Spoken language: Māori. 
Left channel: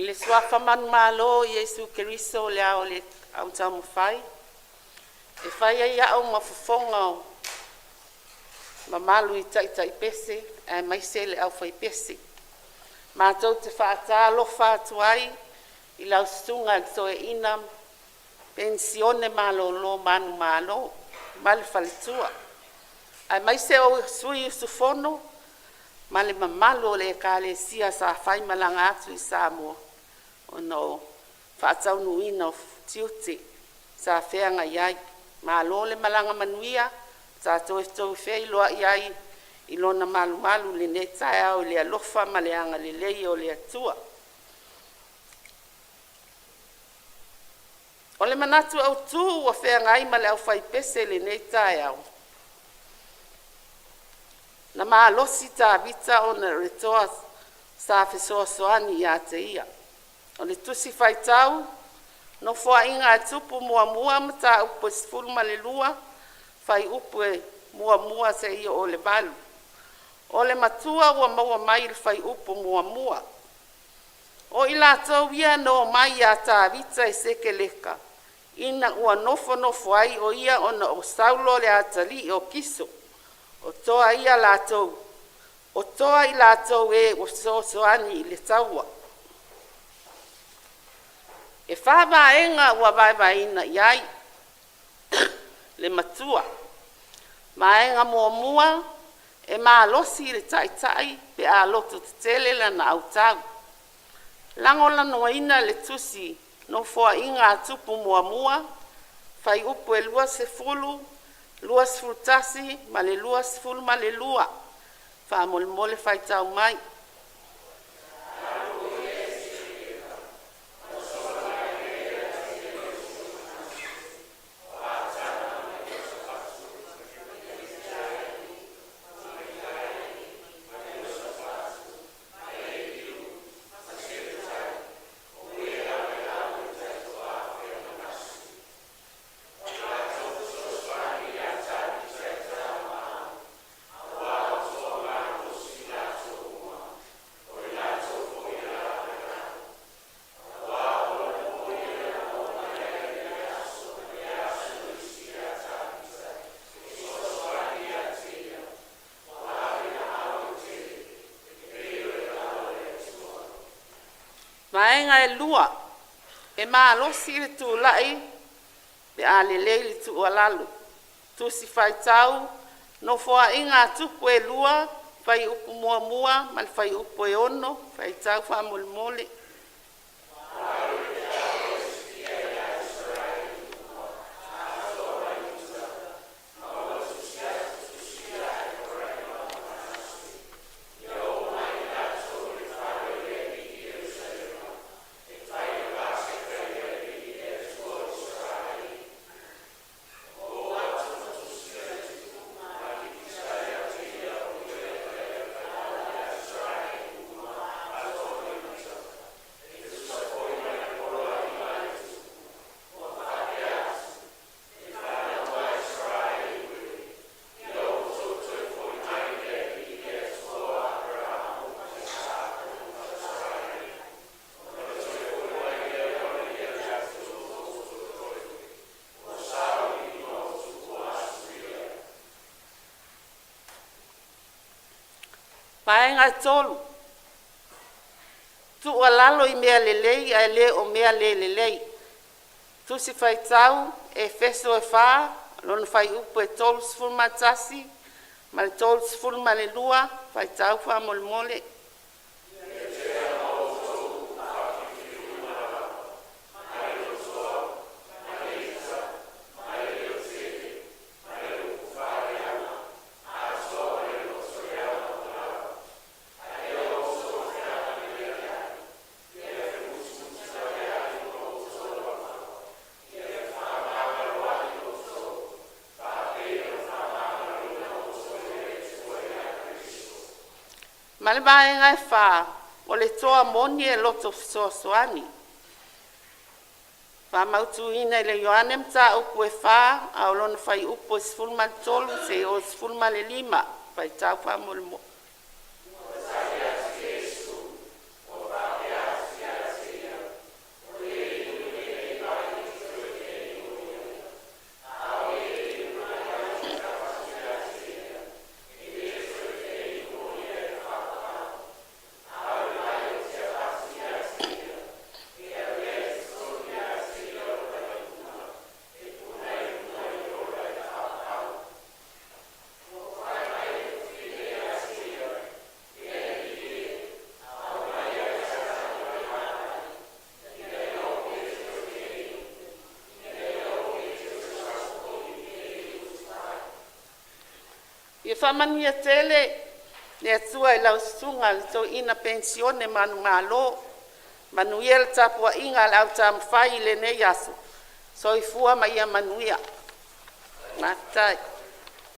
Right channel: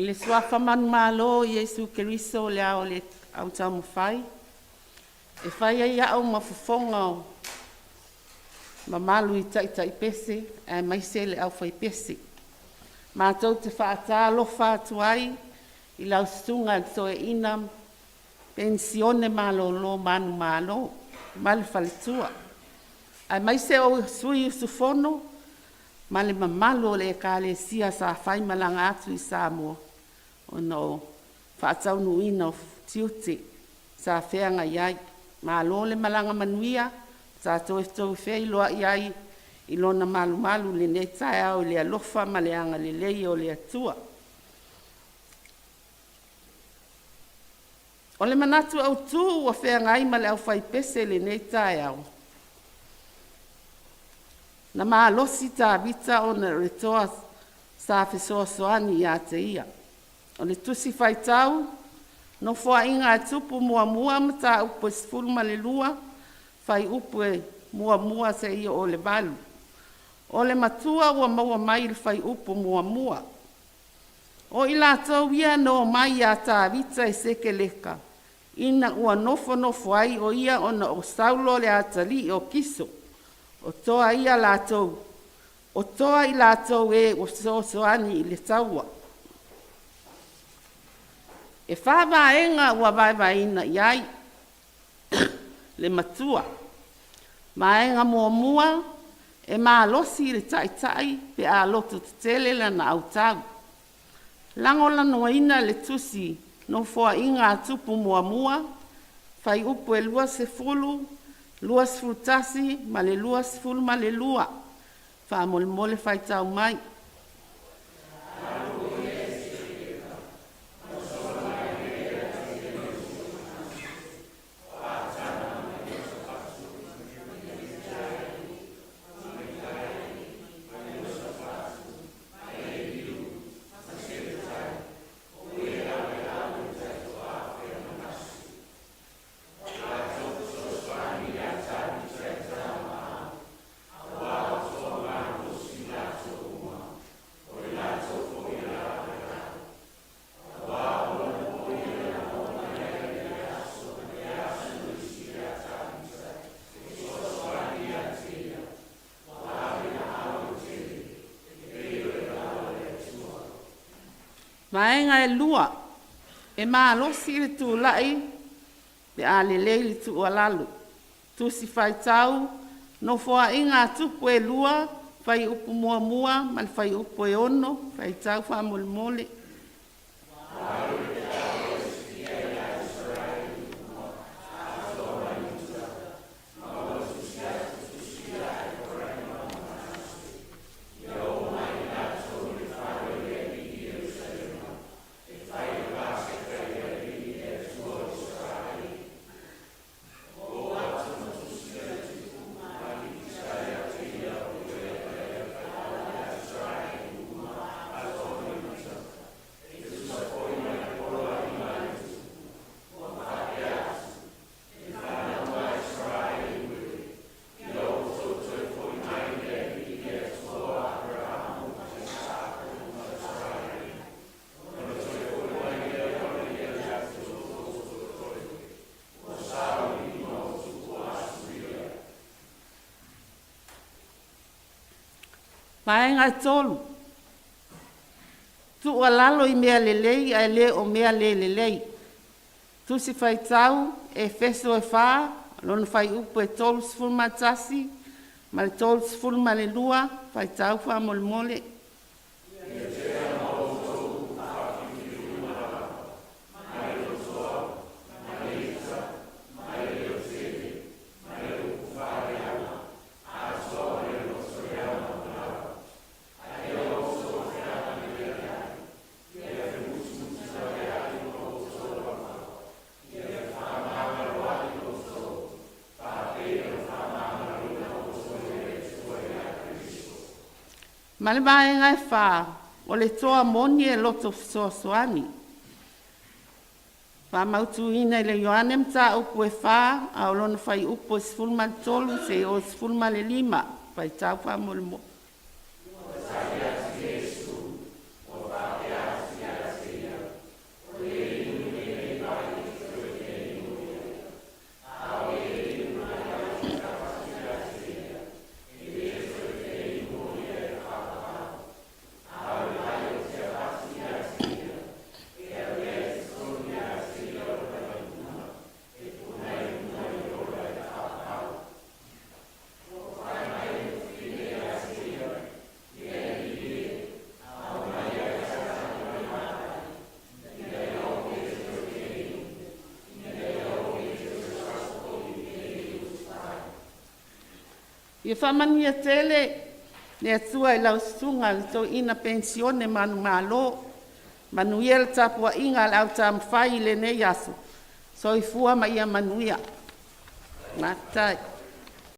I le suafa manu malo Iesu Keriso le ao le au tau mawhai. E whai ai au mafufonga o ma malu I tai pese, e maise le au whai pese. Mātou te whaata lofa atuai, I lau stunga e toe ina pensione malo lo manu malo, male faletua. Ai maise o sui usufono, male mamalu o le ka le sia sa whai malanga atu I Samoa. O no whaatau nuina o tiute sa wheanga iai. Malo le malanga manuia, sa toe whea iloa iai, I lona malu malu le ne tae au le alofa ma le anga le lei o le atua. O le manatu au tu ua whea ngai ma le au whai pese le ne tae au. Na maa losi ta vita o na retoa sa whesoa soani I te ia. O le tusi whai tau, no fua inga e tupu mua mua ma ta upo e sfulma le lua, whai upo e mua mua se ia o le valu. O le matua ua maua mai le whai upo mua mua. O ila tau ia no mai a ta vita e seke leka. Ina ua nofo ai o ia ona o saulo le atali o kiso. O toa ia lātou. O toa I lātou e o soani I le taua. E whāwaenga ua vaivaina iai. Le matua. Maenga mua e maa losi le tai pe a loto te tele lana au tau. Langola noa ina le tusi no fua inga tupu mua, fai upu e lua se fulu, lua se fultasi, ma le lua se fulu ma le lua. Fa mole fai tau mai. Maenga e lua, e maa losi le tu lai, pe a le leili tu alalu. Tu si fai tau, no fua inga tupu e lua, fai upu mua, mal fai upu e ono, fai tau fa mole. Maenga tolu. Tu alalo I mea lelei, a le o mea lelei. Tu si fai tau, e feso e faa, lona fai upo e tolu sfulma tasi, ma le tolu sfulma le lua, fai tau fa mole. Ma le maenga e wha, o le toa moni e loto soani. Wha mautu ina I le Ioane mta upu e wha, a olona whai upu e sfulma tolu se o sfulma le lima, whai tau wha molimo. Ia whamanuia tele, le atua I lau sunga le tau ina pensione manu malo, manuia le tapua inga le au tam whai le nei aso, so I fua ma ia manuia. Matai.